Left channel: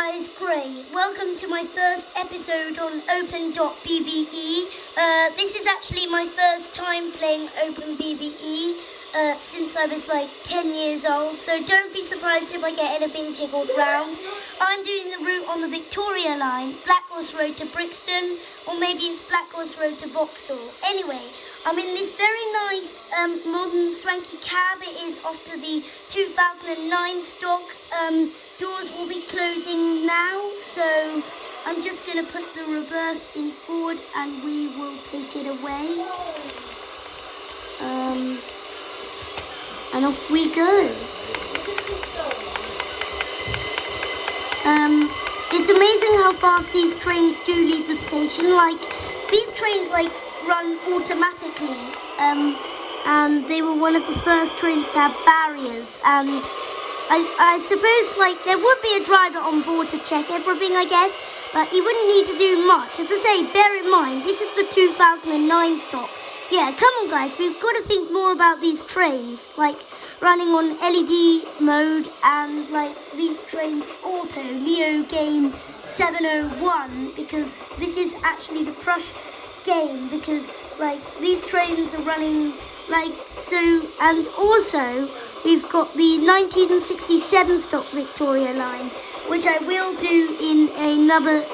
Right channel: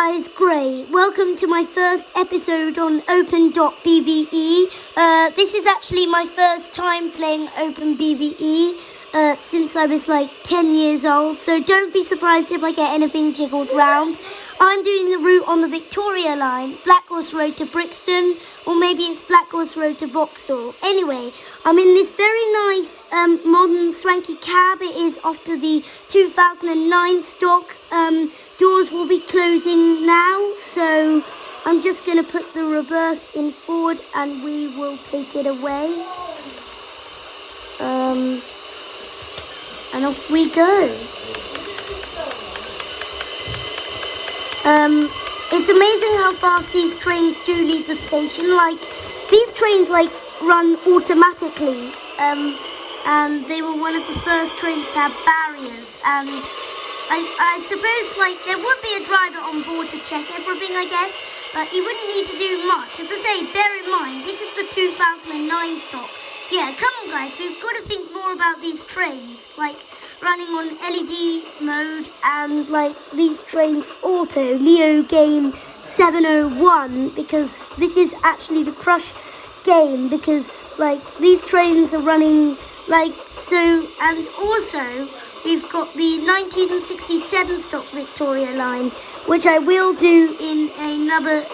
guys, great. Welcome to my first episode on Open.BBE. This is actually my first time playing OpenBBE since I was like 10 years old, so don't be surprised if I get anything jiggled round. I'm doing the route on the Victoria line, Black Horse Road to Brixton, or maybe it's Black Horse Road to Vauxhall. Anyway, I'm in this very nice modern swanky cab. It is after the 2009 stock. Doors will be closing now, so I'm just going to put the reverse in forward and we will take it away. And off we go. It's amazing how fast these trains do leave the station. Like, these trains run automatically, and they were one of the first trains to have barriers, and I suppose there would be a driver on board to check everything, I guess, but he wouldn't need to do much. As I say, bear in mind, this is the 2009 stock. Yeah, come on guys, we've got to think more about these trains, running on LED mode, and these trains auto, Leo game 701, because this is actually the Prush game, because these trains are running so, and also we've got the 1967 stock Victoria line, which I will do in another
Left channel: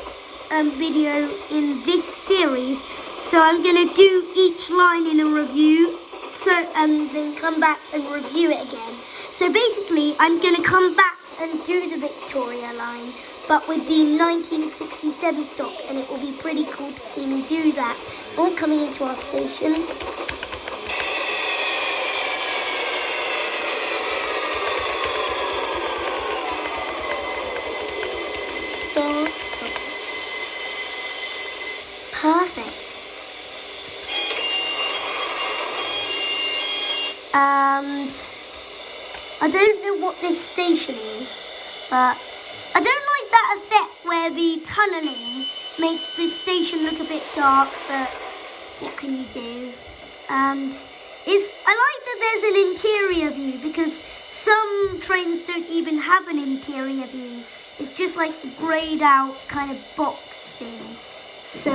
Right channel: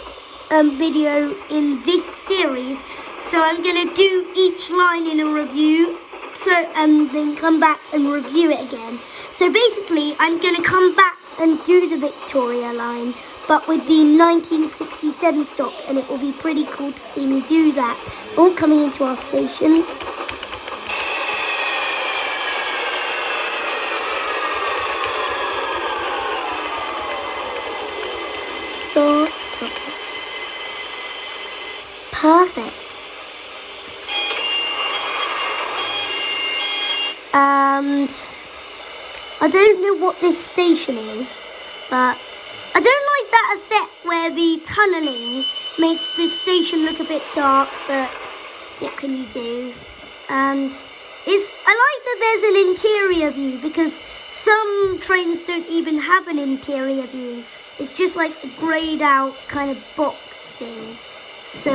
video in this series. So I'm going to do each line in a review, and then come back and review it again. So basically, I'm going to come back and do the Victoria line, but with the 1967 stock, and it will be pretty cool to see me do that. All coming into our station. Stop. Perfect. And I don't know what this station is, but I don't like that effect where the tunnelling makes this station look a bit dark, but what can you do? And I like that there's an interior view, because some trains don't even have an interior view. It's just like a greyed out kind of box thing. So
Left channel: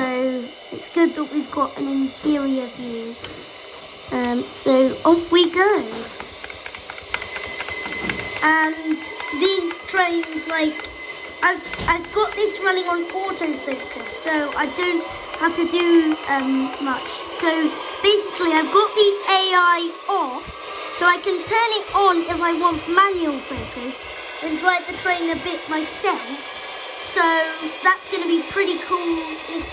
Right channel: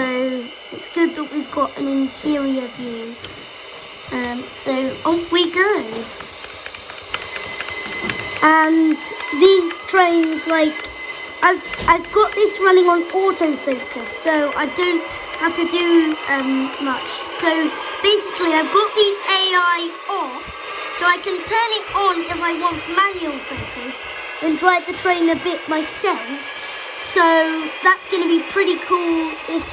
it's good that we've got an interior view. So off we go. And these trains, I've got this running on autofocus, so I don't have to do much. So basically I've got the AI off, so I can turn it on if I want manual focus and drive the train a bit myself. So that's going to be pretty cool if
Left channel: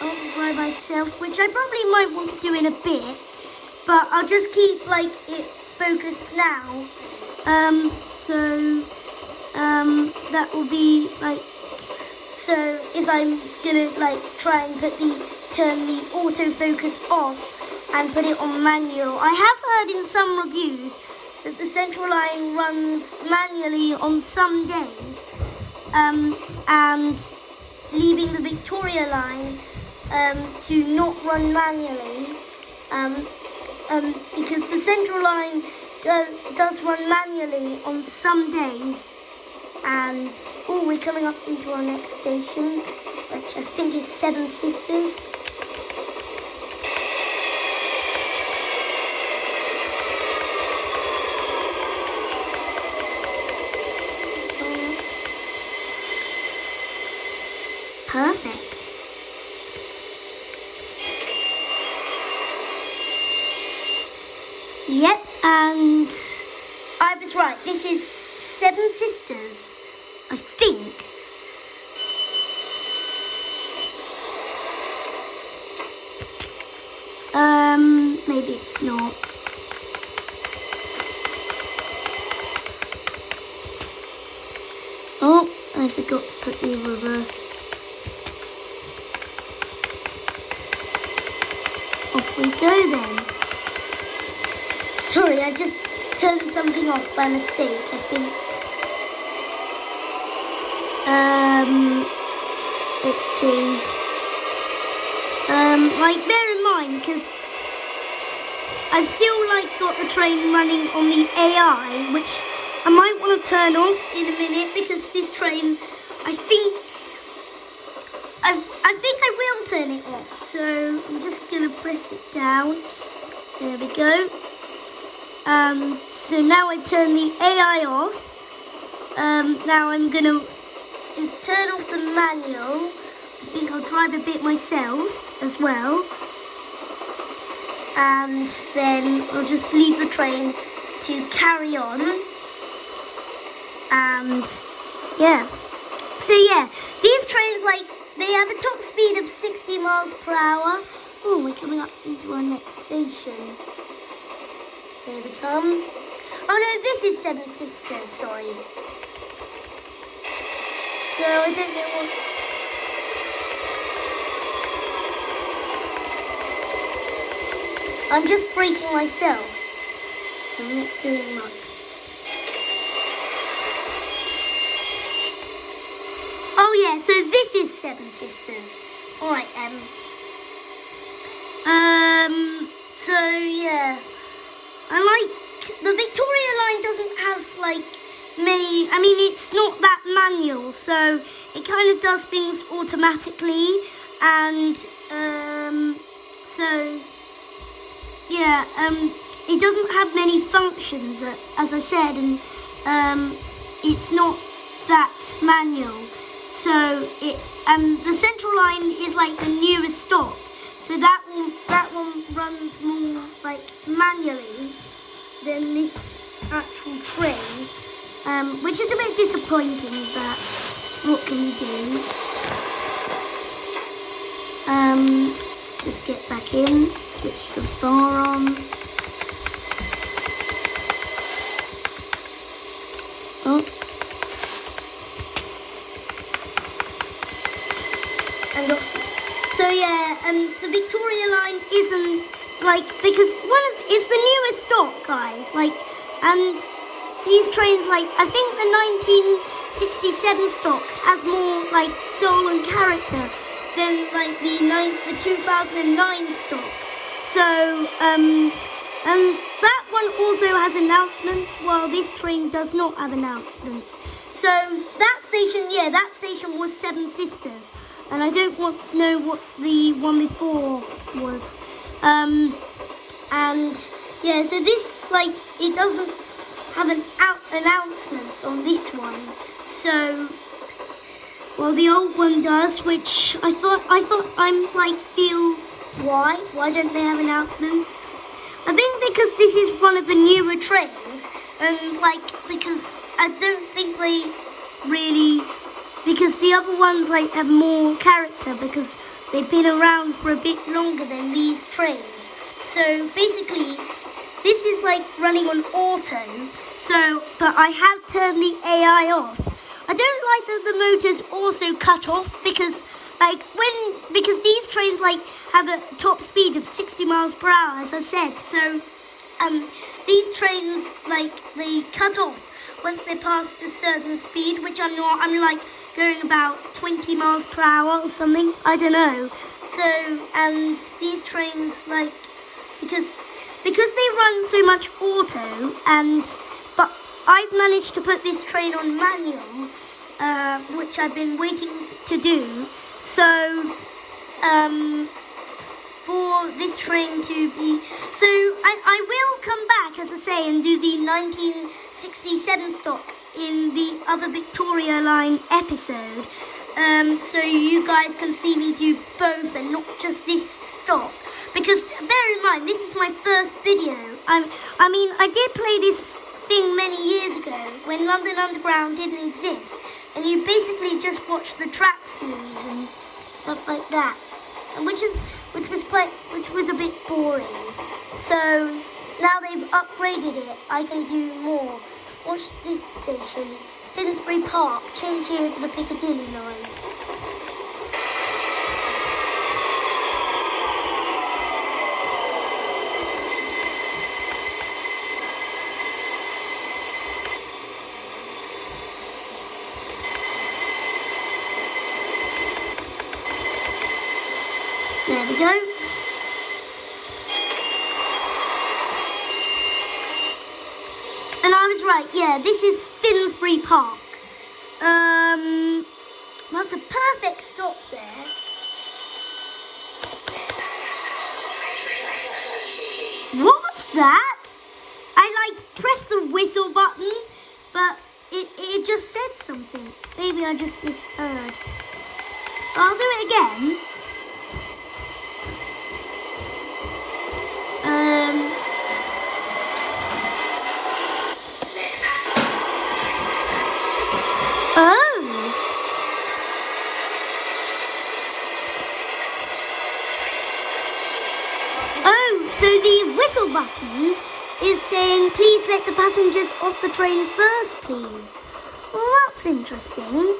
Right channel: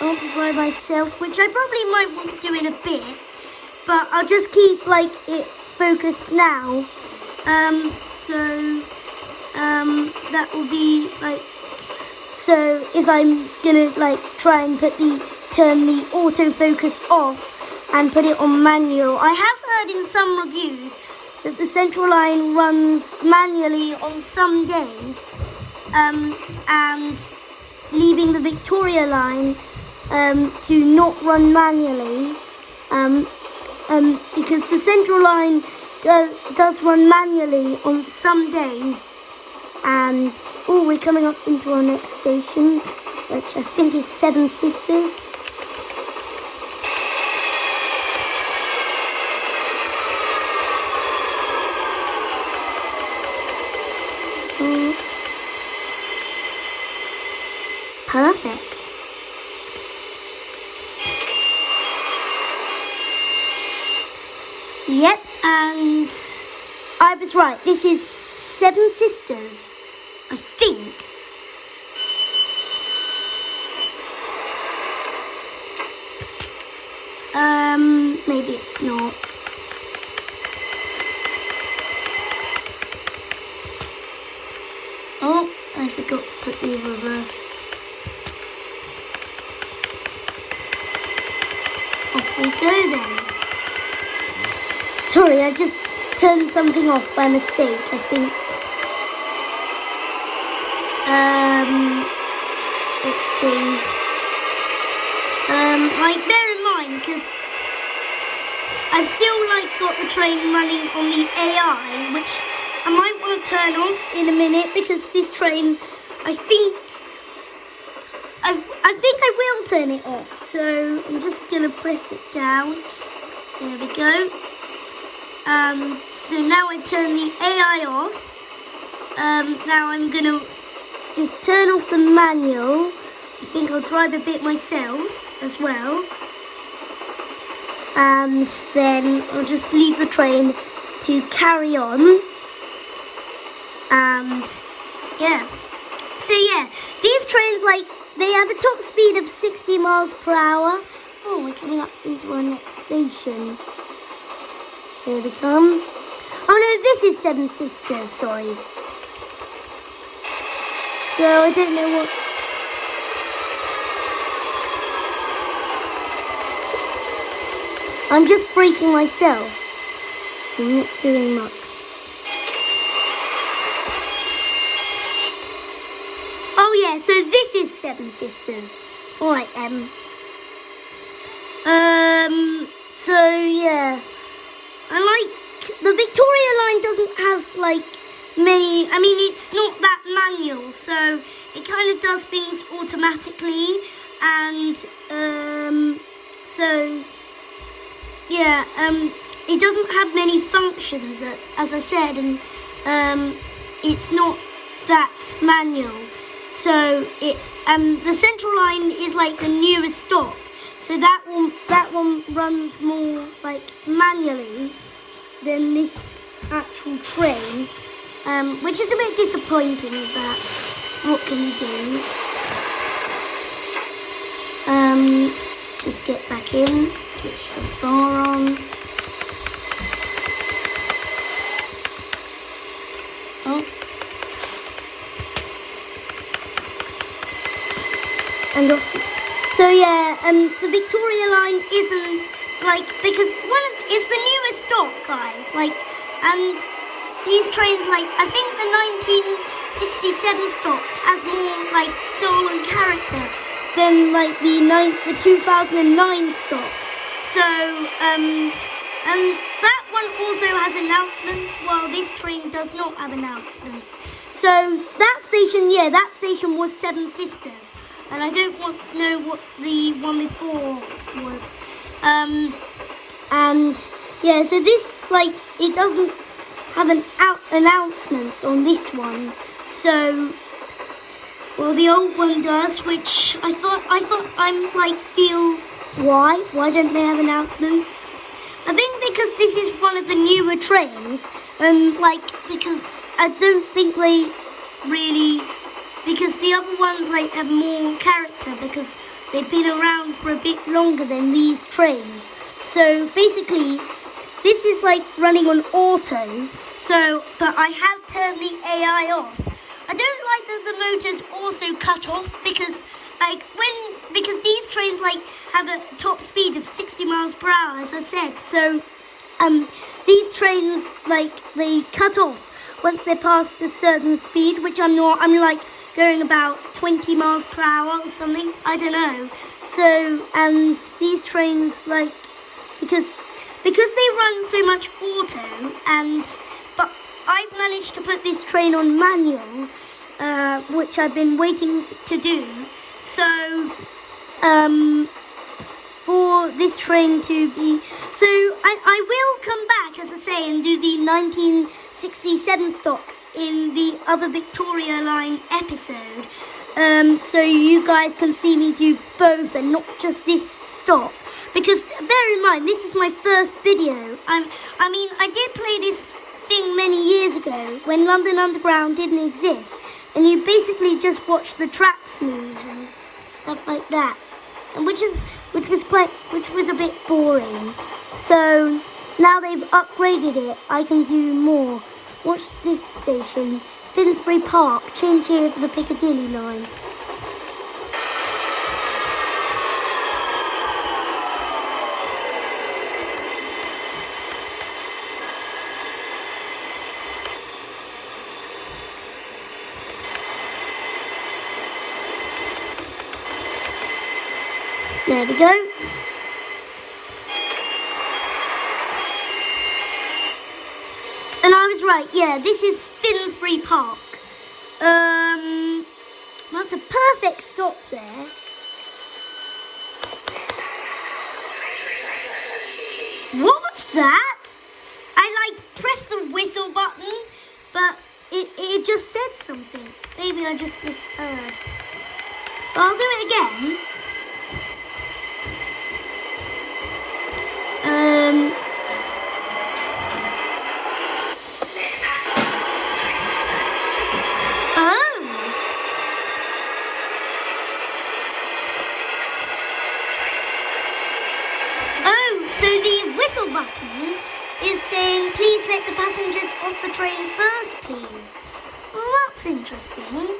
I want to drive myself, which I probably might want to do in a bit. But I'll just keep it focused now. That will be so if I'm gonna try and turn the autofocus off and put it on manual. I have heard in some reviews that the Central Line runs manually on some days, and leaving the Victoria Line to not run manually. Because the Central Line does run manually on some days. And we're coming up into our next station, which I think is Seven Sisters. Perfect. Yep, and I was right. This is Seven Sisters, I think. Maybe it's not. Oh, I forgot to put the reverse. Off we go then. Sorry, I just turned something off by mistake, I think. Let's see. Bear in mind, because I've still got the train running on the AI, which I might want to turn off in a minute, because this train I think I will turn it off. So I'm just gonna press it down. There we go. So now I turn the AI off. Now I'm gonna just turn off the manual. I think I'll drive a bit myself as well. And then I'll just leave the train to carry on. And yeah. So yeah, these trains, like, they have a top speed of 60 miles per hour. Oh, we're coming up into our next station. Here we come. Oh no, this is Seven Sisters, sorry. So I don't know what... I'm just braking myself. So I'm not doing much. Oh yeah, so this is Seven Sisters. Alright, so yeah. I like, the Victoria line doesn't have like many, I mean it's not that manual, so it kind of does things automatically, and so yeah, it doesn't have many functions, as I said, and it's not that manual. So it, the Central line is like the newest stop. So that one runs more like manually than this actual train, which is a bit disappointing, but what can you do? Let's just get back in, switch the bar on. Oh. And off. So yeah, the Victoria line isn't like, because it's the newest stop, guys. Like, and these trains, like, I think the 1967 stock has more like soul and character than like the 2009 stock. So and that one also has announcements, while this train does not have announcements. So that station, yeah, that station was Seven Sisters. And I don't know what the one before was. And yeah, so this, like, it doesn't have an announcements on this one. So, well, the old one does, which I thought I'm like, why don't they have announcements? I think because this is one of the newer trains, and like, because I don't think they really, because the other ones like have more character because they've been around for a bit longer than these trains. So basically, this is like running on auto. So, but I have turned the AI off. I don't like that the motor's also cut off because, like, because these trains like have a top speed of 60 miles per hour, as I said. So, these trains, like, they cut off once they're past a certain speed, which I'm not. I'm like going about 20 miles per hour or something, I don't know. So, and these trains, like, because they run so much auto, but I've managed to put this train on manual, which I've been waiting to do. So, for this train to be, so I will come back, as I say, and do the 1967 stock in the other Victoria line episode, so you guys can see me do both and not just this stop, because bear in mind, this is my first video. I mean, I did play this thing many years ago when London Underground didn't exist, and you basically just watch the tracks move and stuff like that, which was a bit boring. So now they've upgraded it, I can do more. Watch this station, Finsbury Park, change here to the Piccadilly line. There we go. And I was right, yeah, this is Finsbury Park. That's a perfect stop there. What was that? I pressed the whistle button, but it just said something. Maybe I just misheard. I'll do it again. So the whistle button is saying, please let the passengers off the train first, please. Well, that's interesting.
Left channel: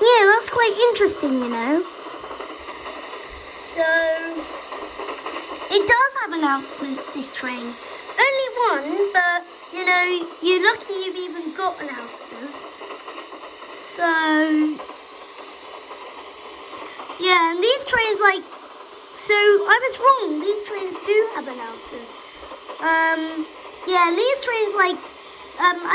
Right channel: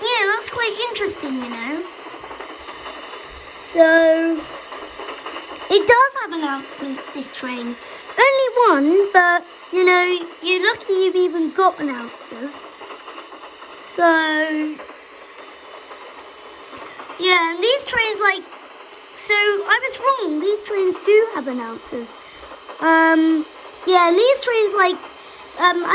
Yeah, that's quite interesting, you know. So, it does have announcements, this train. Only one, but, you know, you're lucky you've even got announcers. So, yeah, and these trains, so I was wrong. These trains do have announcers. Yeah, and these trains, I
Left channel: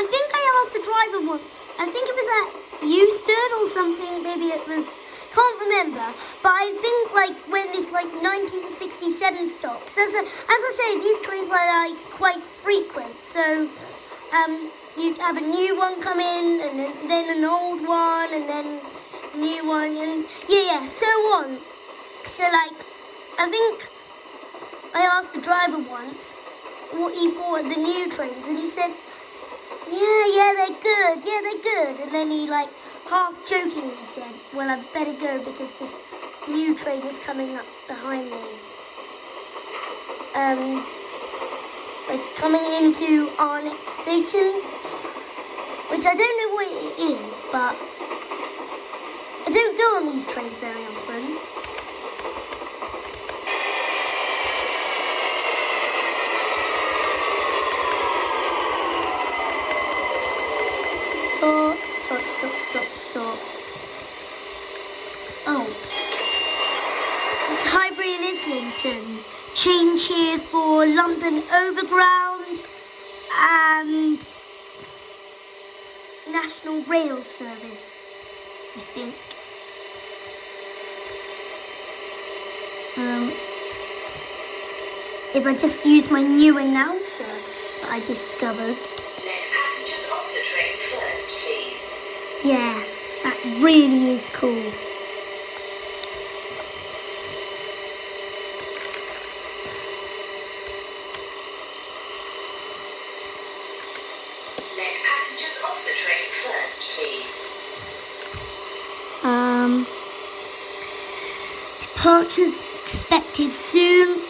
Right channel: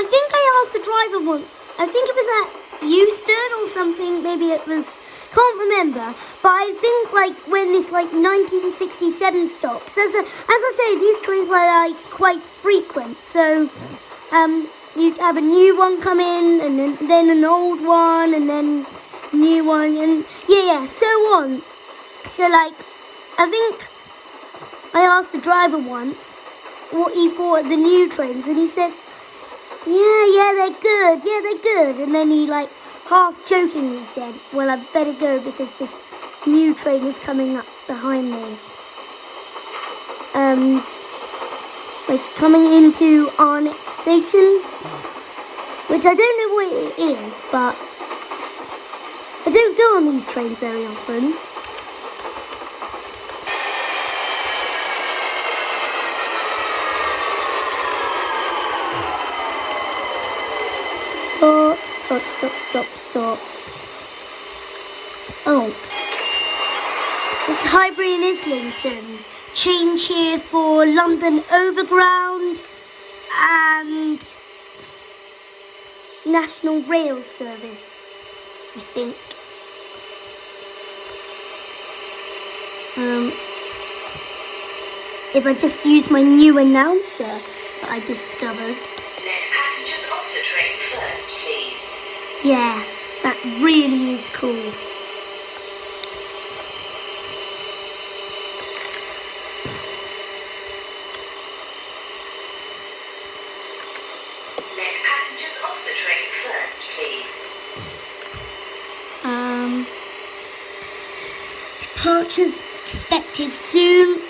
think I asked the driver once. I think it was at Euston or something. Maybe it was, can't remember. But I think when this 1967 stops. As I say, these trains are quite frequent. So you have a new one come in, and then an old one, and then a new one, and yeah, so on. So I think I asked the driver once what he thought of the new trains, and he said, yeah, they're good. And then he half jokingly said, well, I'd better go because this new train is coming up behind me. Coming into our next station, which I don't know what it is, but I don't go on these trains very often. Stop. Oh. It's Highbury and Islington. Change here for London Overground and National Rail Service, I think. If I just use my new announcer that I discovered. Let passengers off the train first, please. Yeah, that really is cool. Let passengers off the train first, please. Departures expected soon.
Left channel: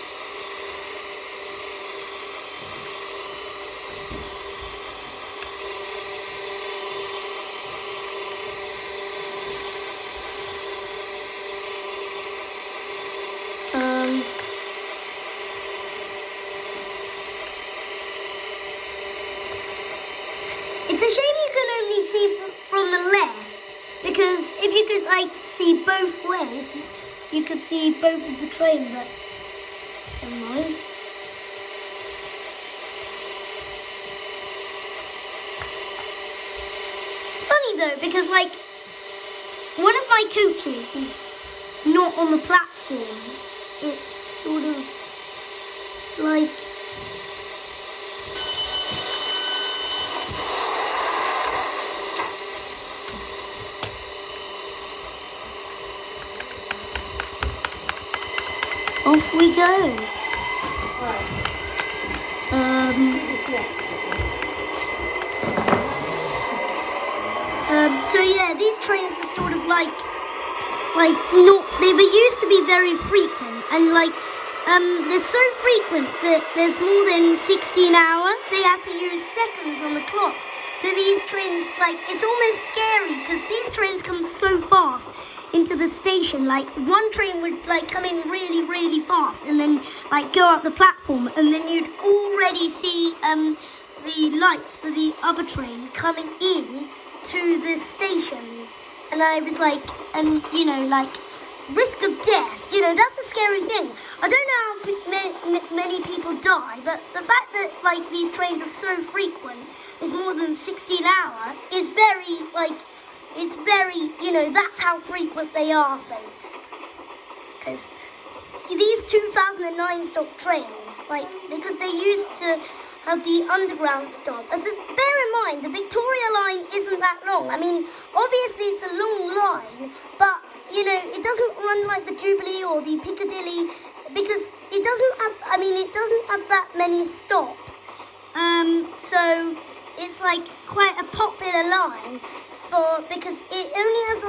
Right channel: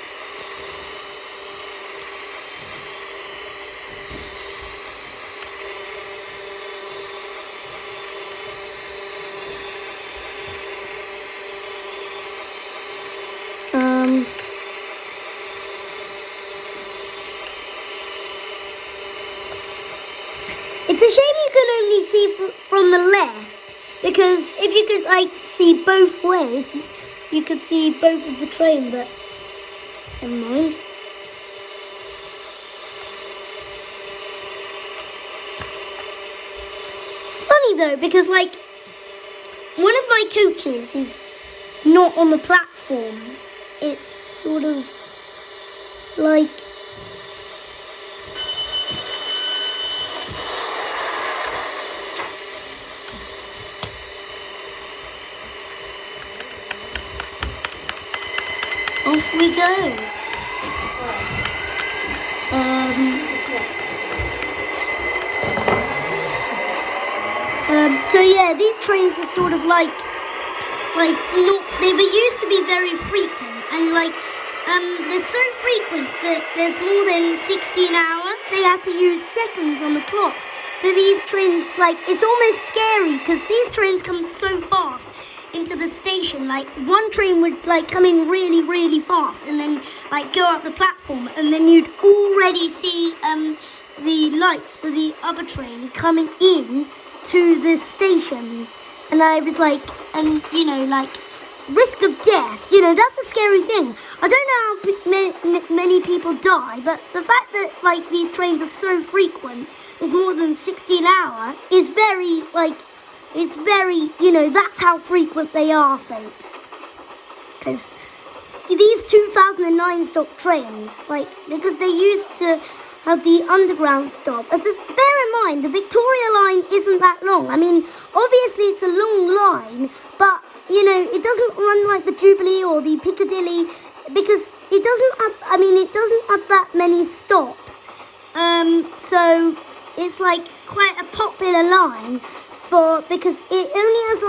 It's a shame you can only see from the left, because if you could see both ways, you could see both of the train, but never mind. It's funny though, because one of my coaches is not on the platform. It's sort of off we go. So yeah, these trains are sort of not, they were used to be very frequent, and they're so frequent that there's more than 16 hours. They have to use seconds on the clock. So these trains, it's almost scary because these trains come so fast into the station. One train would come in really, really fast and then go up the platform, and then you'd already see the lights for the other train coming in to the station. And I was risk of death, that's a scary thing. I don't know how many people die, but the fact that like these trains are so frequent, there's more than 60 an hour, is very it's very, that's how frequent they are, folks. Because these 2009 stop trains, because they used to have the underground stop. Bear in mind, the Victoria line isn't that long. I mean, obviously it's a long line, but, it doesn't run like the Jubilee or the Piccadilly, because it doesn't have that many stops. So it's quite a popular line because it only has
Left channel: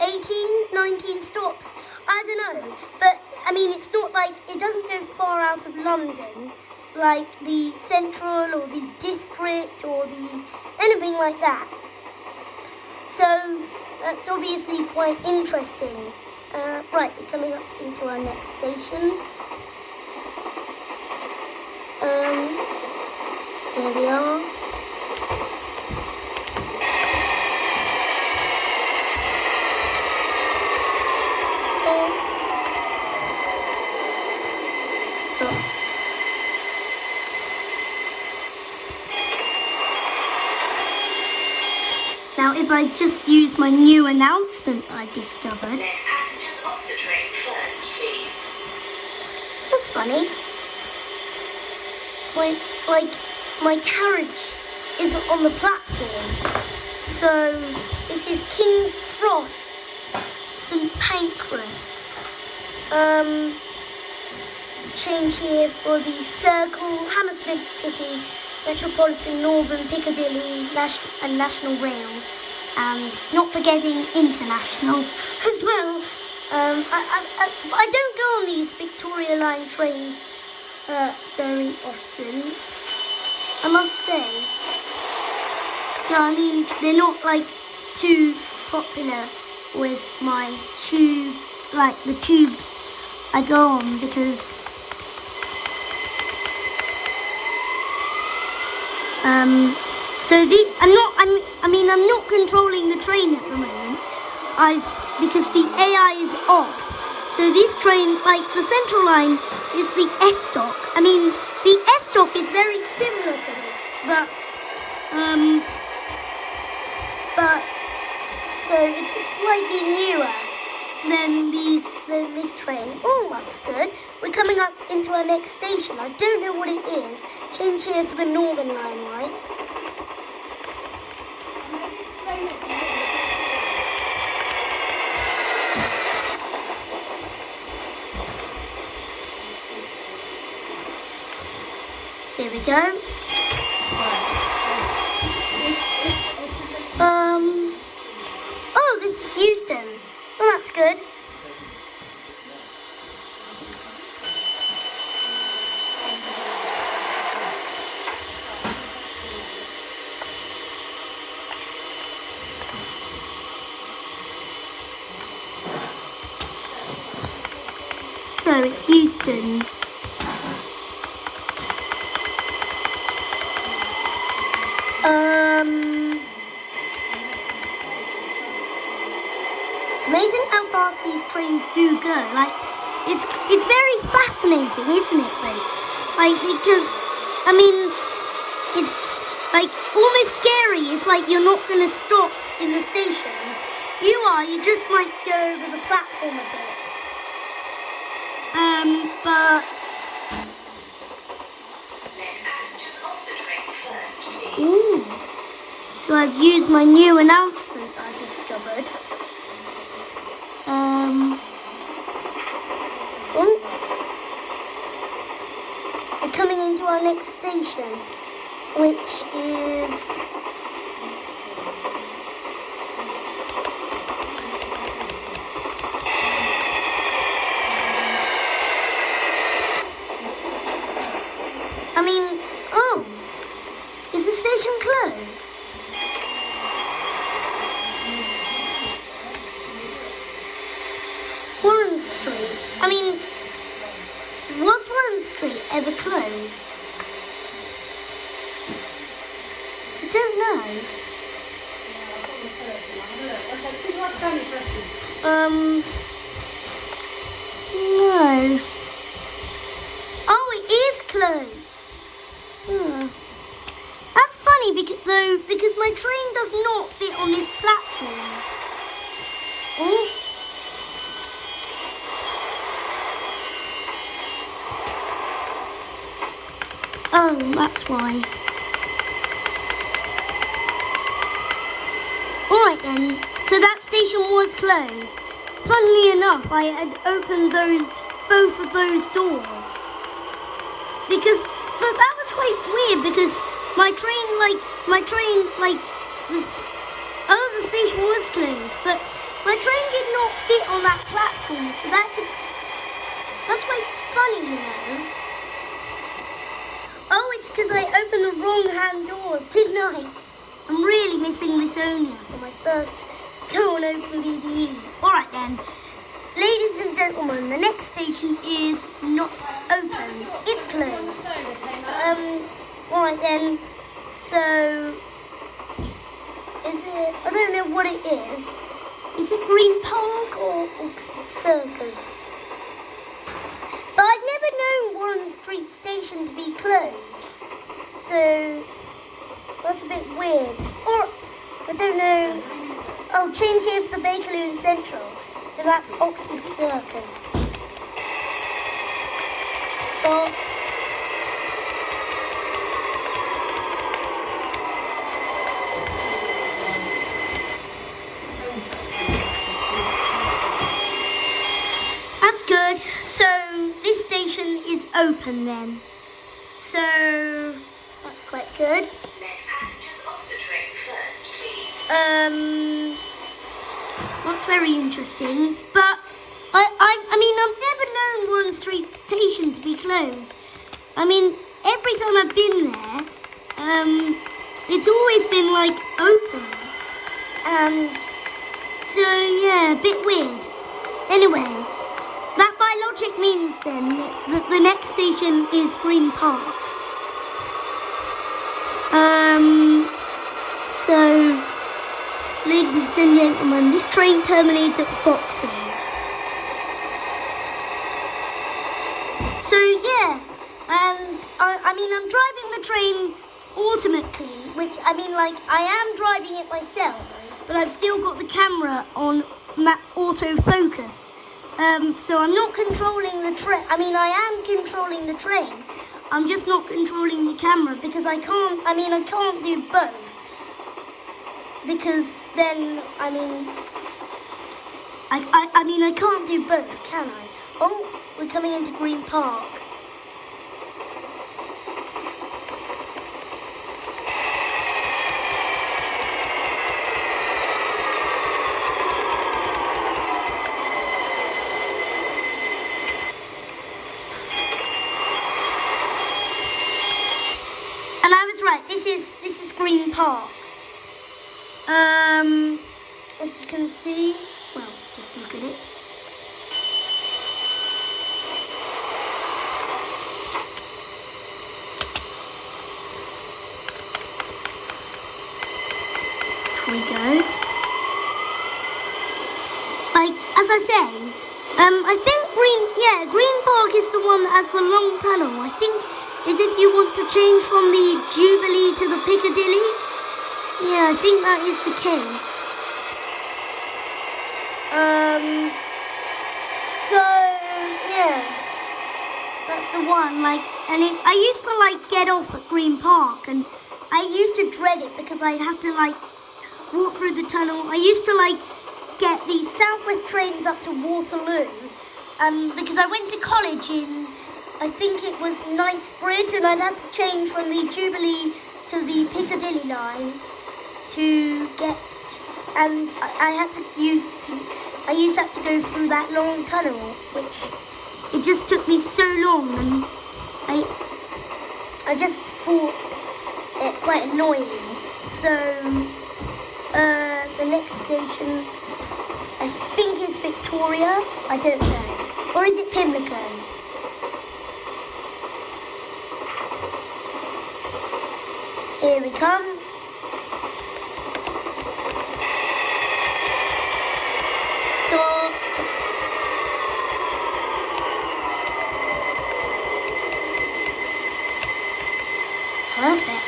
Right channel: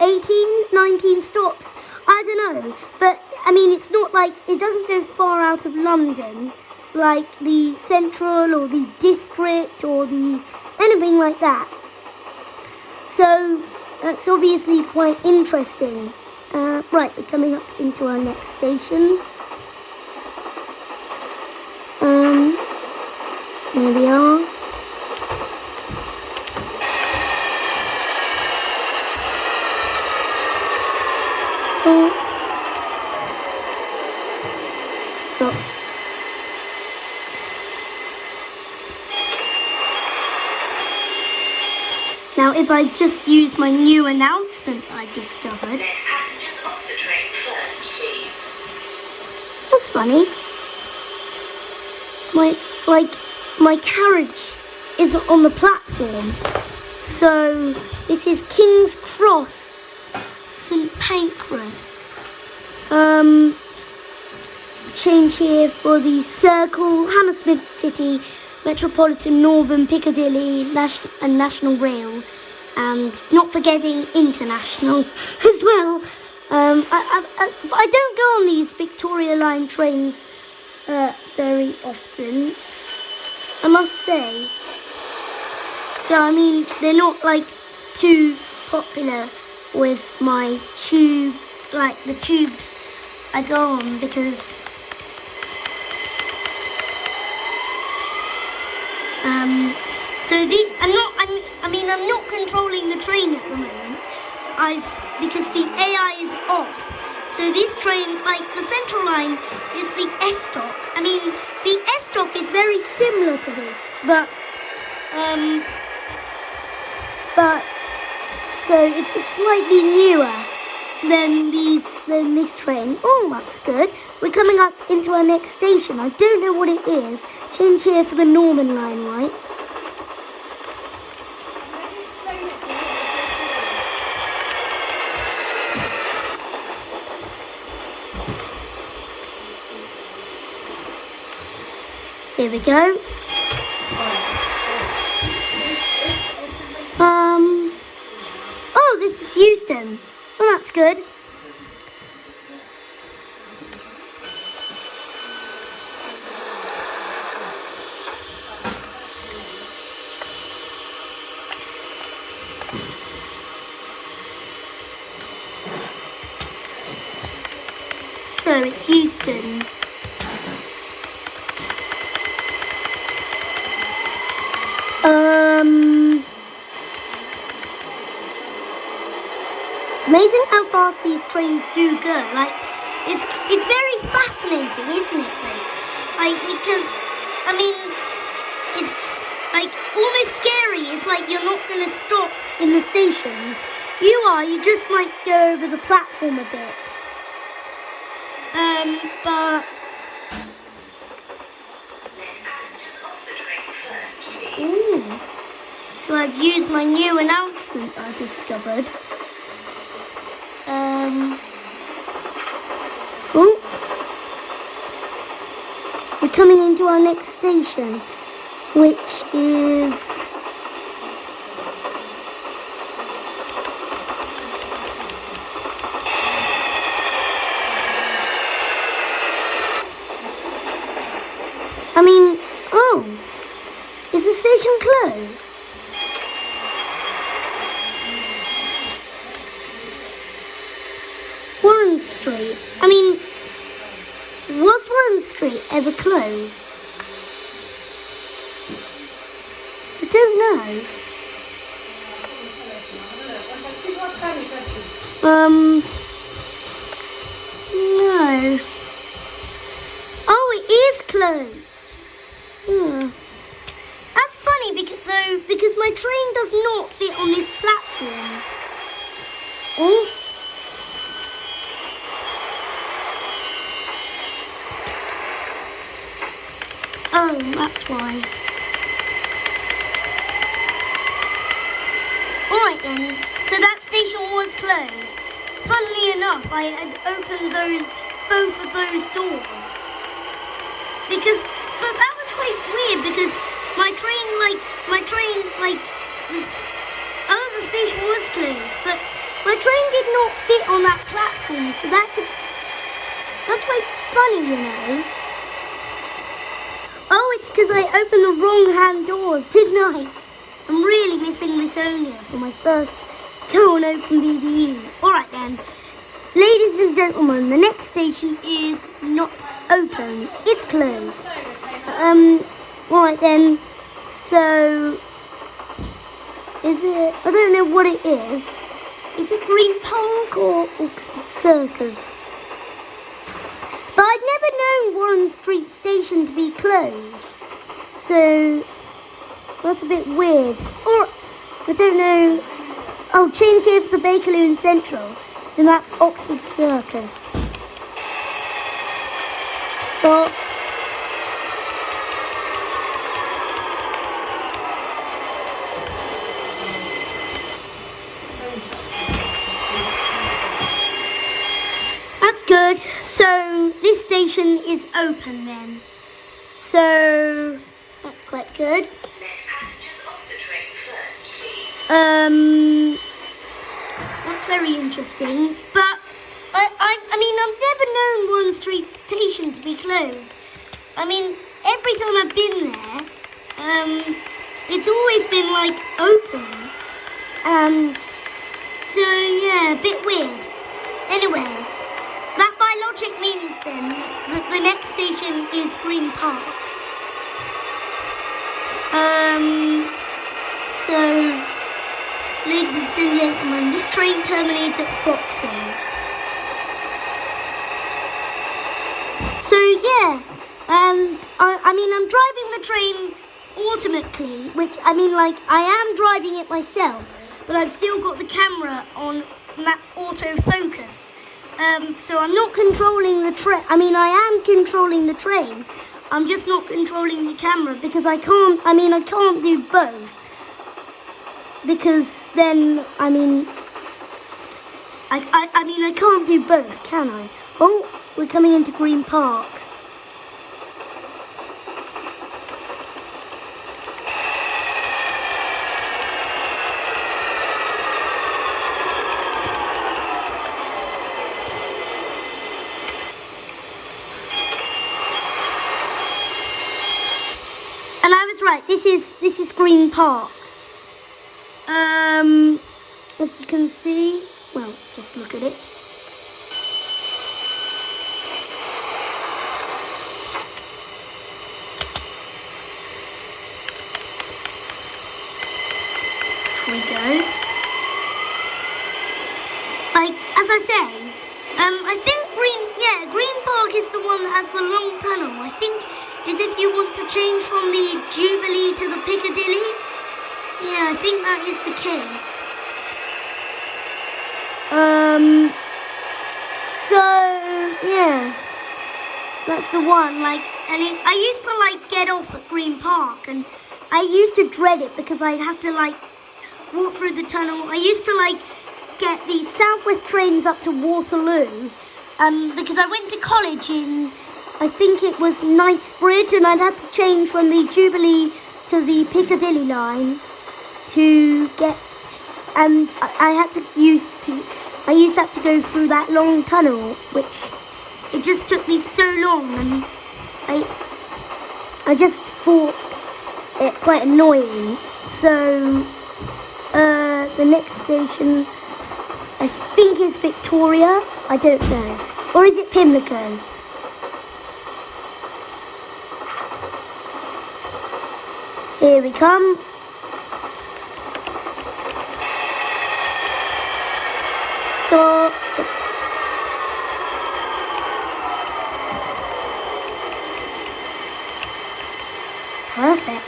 18, 19 stops. I don't know, but I mean, it's not it doesn't go far out of London, like the Central or the District or anything like that. So that's obviously quite interesting. Right, we're coming up into our next station. Here we are. Now, if I just use my new announcement I discovered. Let passengers off the train first, please. That's funny. My carriage isn't on the platform. So, this is King's Cross, St Pancras. Change here for the Circle, Hammersmith City, Metropolitan, Northern, Piccadilly, and National Rail, and not forgetting International as well. I don't go on these Victoria Line trains very often, I must say. So I mean, they're not too popular with my tube, the tubes I go on, because I'm not controlling the train at the moment. Because the AI is off. So this train, the Central Line, is the S-Dock. I mean, the S-Dock is very similar to this, but so it's slightly newer than this train. Oh, that's good. We're coming up into our next station. I don't know what it is. Change here for the Northern Line, right? Here we go. Oh, this is Euston. Oh, that's good. So it's Euston. It's amazing how fast these trains do go. It's very fascinating, isn't it, folks? Because I mean, it's almost scary. It's you're not going to stop in the station. You just might go over the platform a bit. But Let passengers off the train first, please. ooh, so I've used my new announcement I discovered. Ooh. We're coming into our next station, which is is the station closed? Warren Street. Was Warren Street ever closed? I don't know. No. funny because my train does not fit on this platform. Oh. Oh, that's why. Alright then, so that station was closed. Funnily enough, I had opened both of those doors. But that was quite weird because my train, the station was closed, but my train did not fit on that platform, so that's quite funny, you know. Oh, it's because I opened the wrong hand doors, didn't I? I'm really missing Miss Onia for my first go and open BBU. Alright then, ladies and gentlemen, the next station is not open. It's closed. Alright then, so, is it, I don't know what it is. Is it Green Park or Oxford Circus? But I've never known Warren Street Station to be closed, so that's a bit weird. Or, I don't know. Oh, change it to Bakerloo Central, and that's Oxford Circus. Stop. That's good. So this station is open then. So that's quite good. Let passengers off the train first, please. That's very interesting. But I mean, I've never known Warren Street Station to be closed. I mean, every time I've been there, it's always been like open. And so yeah, a bit weird. Anyway, that by logic means then that the next station is Green Park. So, ladies and gentlemen, this train terminates at Foxhall. So yeah, and I mean I'm driving the train automatically, which I mean like I am driving it myself, but I've still got the camera on autofocus. So I'm not controlling the train. I mean I am controlling the train. I'm just not controlling the camera because I can't do both. Because then, I can't do both, can I? Oh, we're coming into Green Park. And I was right, this is Green Park. As you can see, well, just look at it. Here we go. Like, as I say, I think Green Park is the one that has the long tunnel. I think, is if you want to change from the Jubilee to the Piccadilly. Yeah, I think that is the case. So yeah, that's the one. Like, and I used to like get off at Green Park, and I used to dread it because I'd have to like walk through the tunnel. I used to like get the Southwest trains up to Waterloo, because I went to college in, I think it was Knightsbridge, and I'd have to change from the Jubilee to the Piccadilly line to get, and I used to have to go through that long tunnel, which it just took me so long, and I just thought it quite annoying. So the next station I think is Victoria, I don't know, or is it Pimlico? Here we come. Stop. Perfect.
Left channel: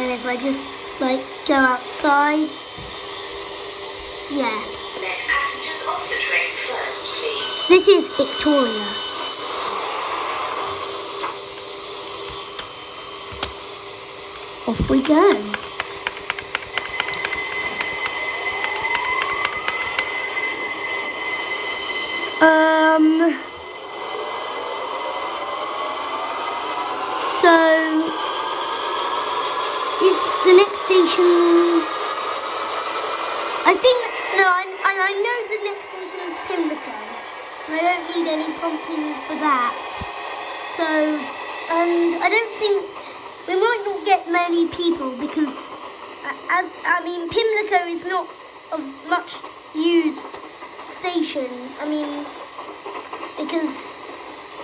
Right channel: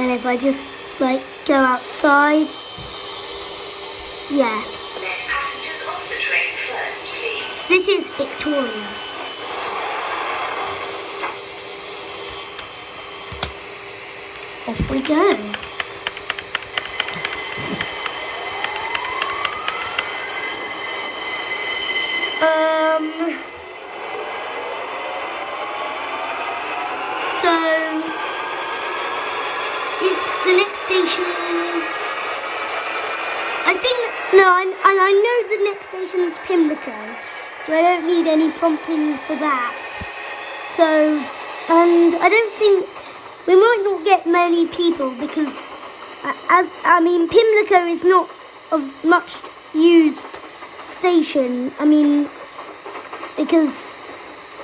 And if I just like go outside, yeah. Let passengers off the train first, please. This is Victoria. Off we go. So is the next station? I think no, I know the next station is Pimlico, so I don't need any prompting for that. So, and I don't think we might not get many people because, Pimlico is not a much used station. Because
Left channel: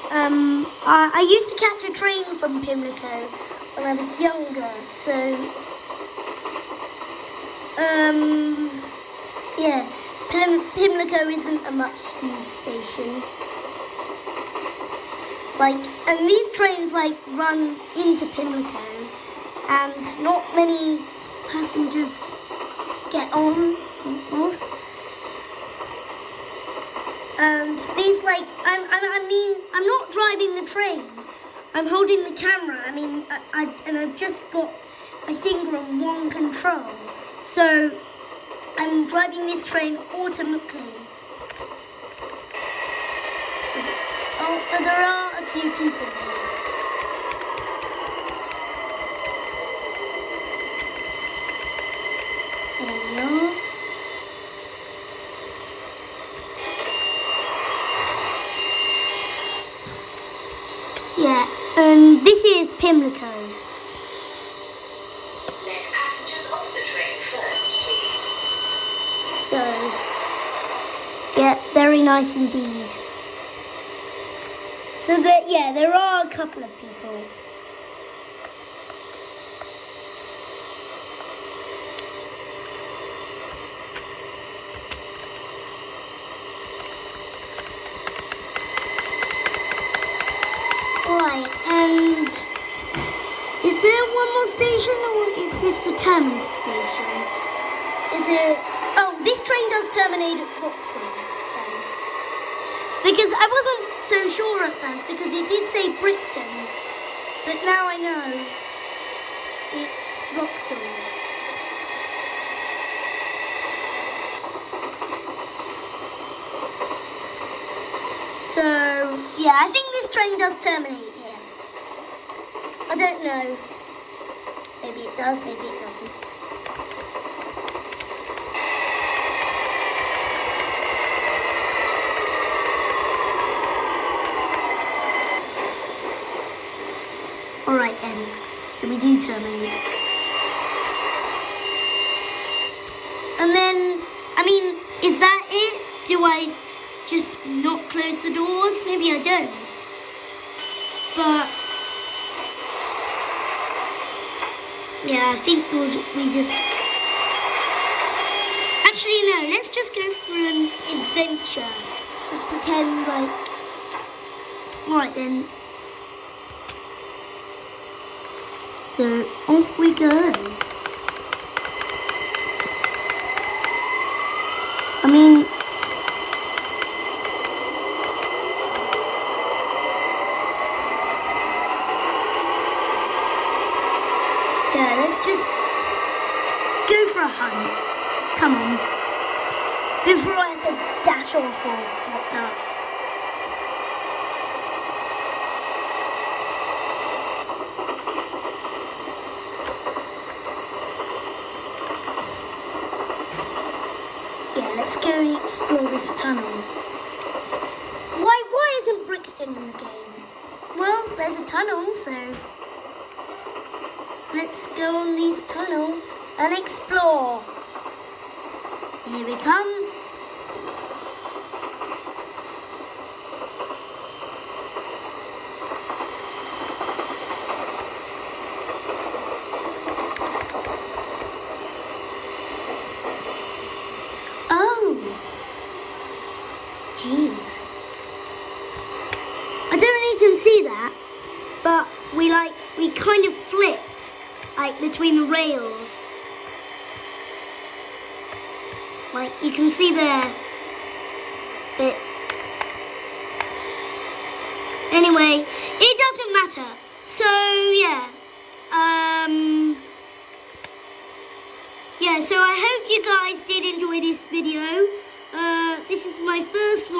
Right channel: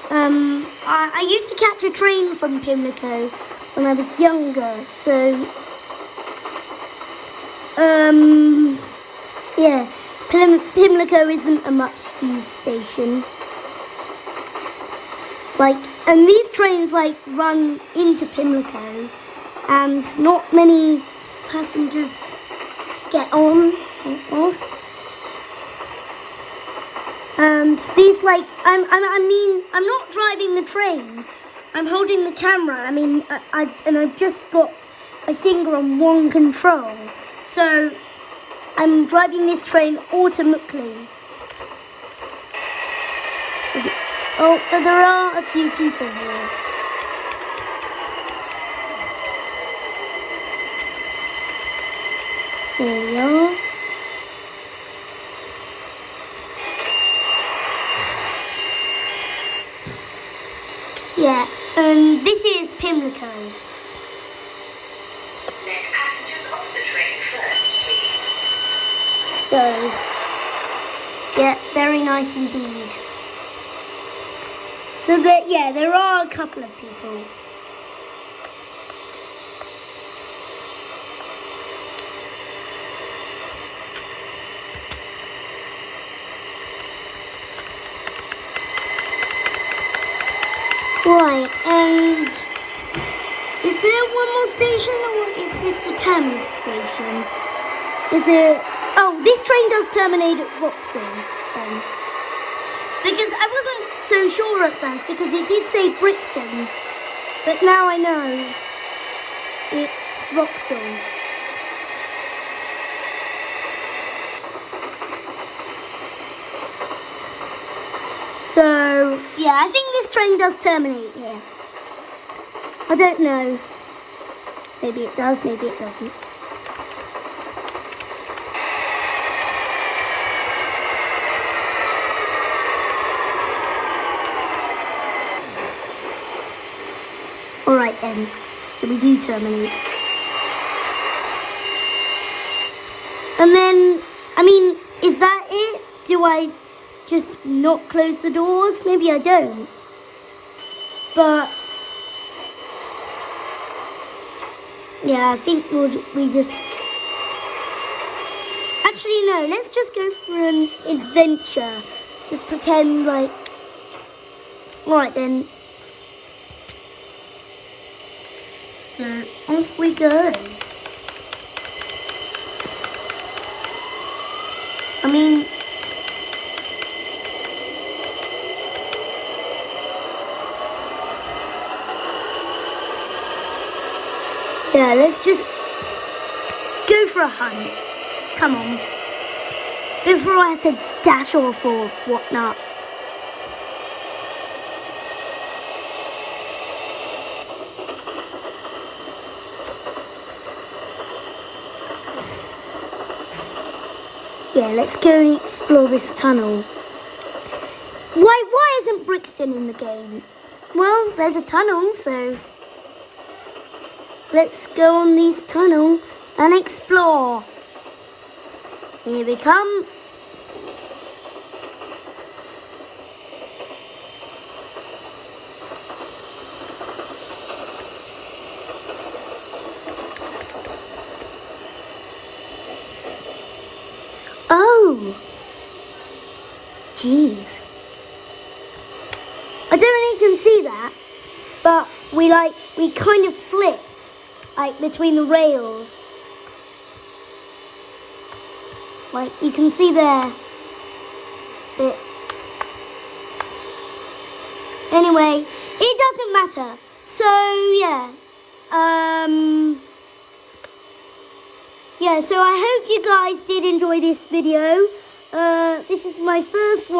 I used to catch a train from Pimlico when I was younger, so yeah, Pimlico isn't a much used station. And these trains run into Pimlico, and not many passengers get on or off. And these I'm not driving the train. I'm holding the camera. I've just got my finger on one control. So I'm driving this train automatically. Oh, but there are a few people here. There we are. Yeah, and this is Pimlico. Let passengers off the train first, please. So, yeah, very nice indeed. So there are a couple of people. Right, and is there one more station, or is this the Thames station? Oh, this train does terminate at Vauxhall, then. Because I wasn't so sure at first, because it did say Brixton, but now I know it's Vauxhall. So, yeah, I think this train does terminate here. I don't know. Maybe it does, maybe it doesn't. Alright then, so we do terminate. And then, is that it? Do I just not close the doors? Maybe I don't. But yeah, I think we just actually no, let's just go for an adventure. Just pretend alright then. So off we go. Yeah, let's just go for a hunt. Come on. Before I have to dash off or whatnot. Yeah, let's go and explore this tunnel. Why isn't Brixton in the game? Well, there's a tunnel, so let's go on this tunnel and explore. Here we come. Oh, jeez. I don't know if you can see that, but we kind of flipped like between the rails. Like you can see there. Bit. Anyway, it doesn't matter. So yeah. Yeah, so I hope you guys did enjoy this video. This is my first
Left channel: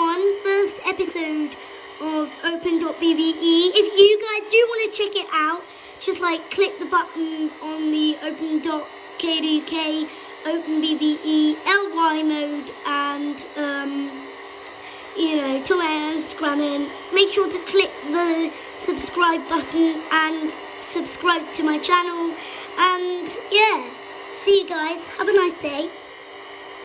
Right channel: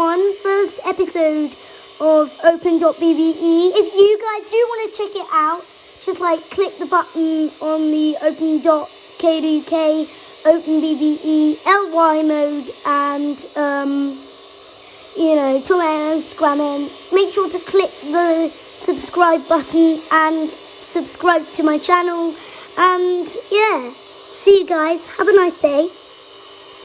episode of Open.bbe. If you guys do want to check it out, just like click the button on the Open.kdk, OpenBBE, LY mode, and Tom and Scrammen. Make sure to click the subscribe button and subscribe to my channel. And yeah, see you guys. Have a nice day.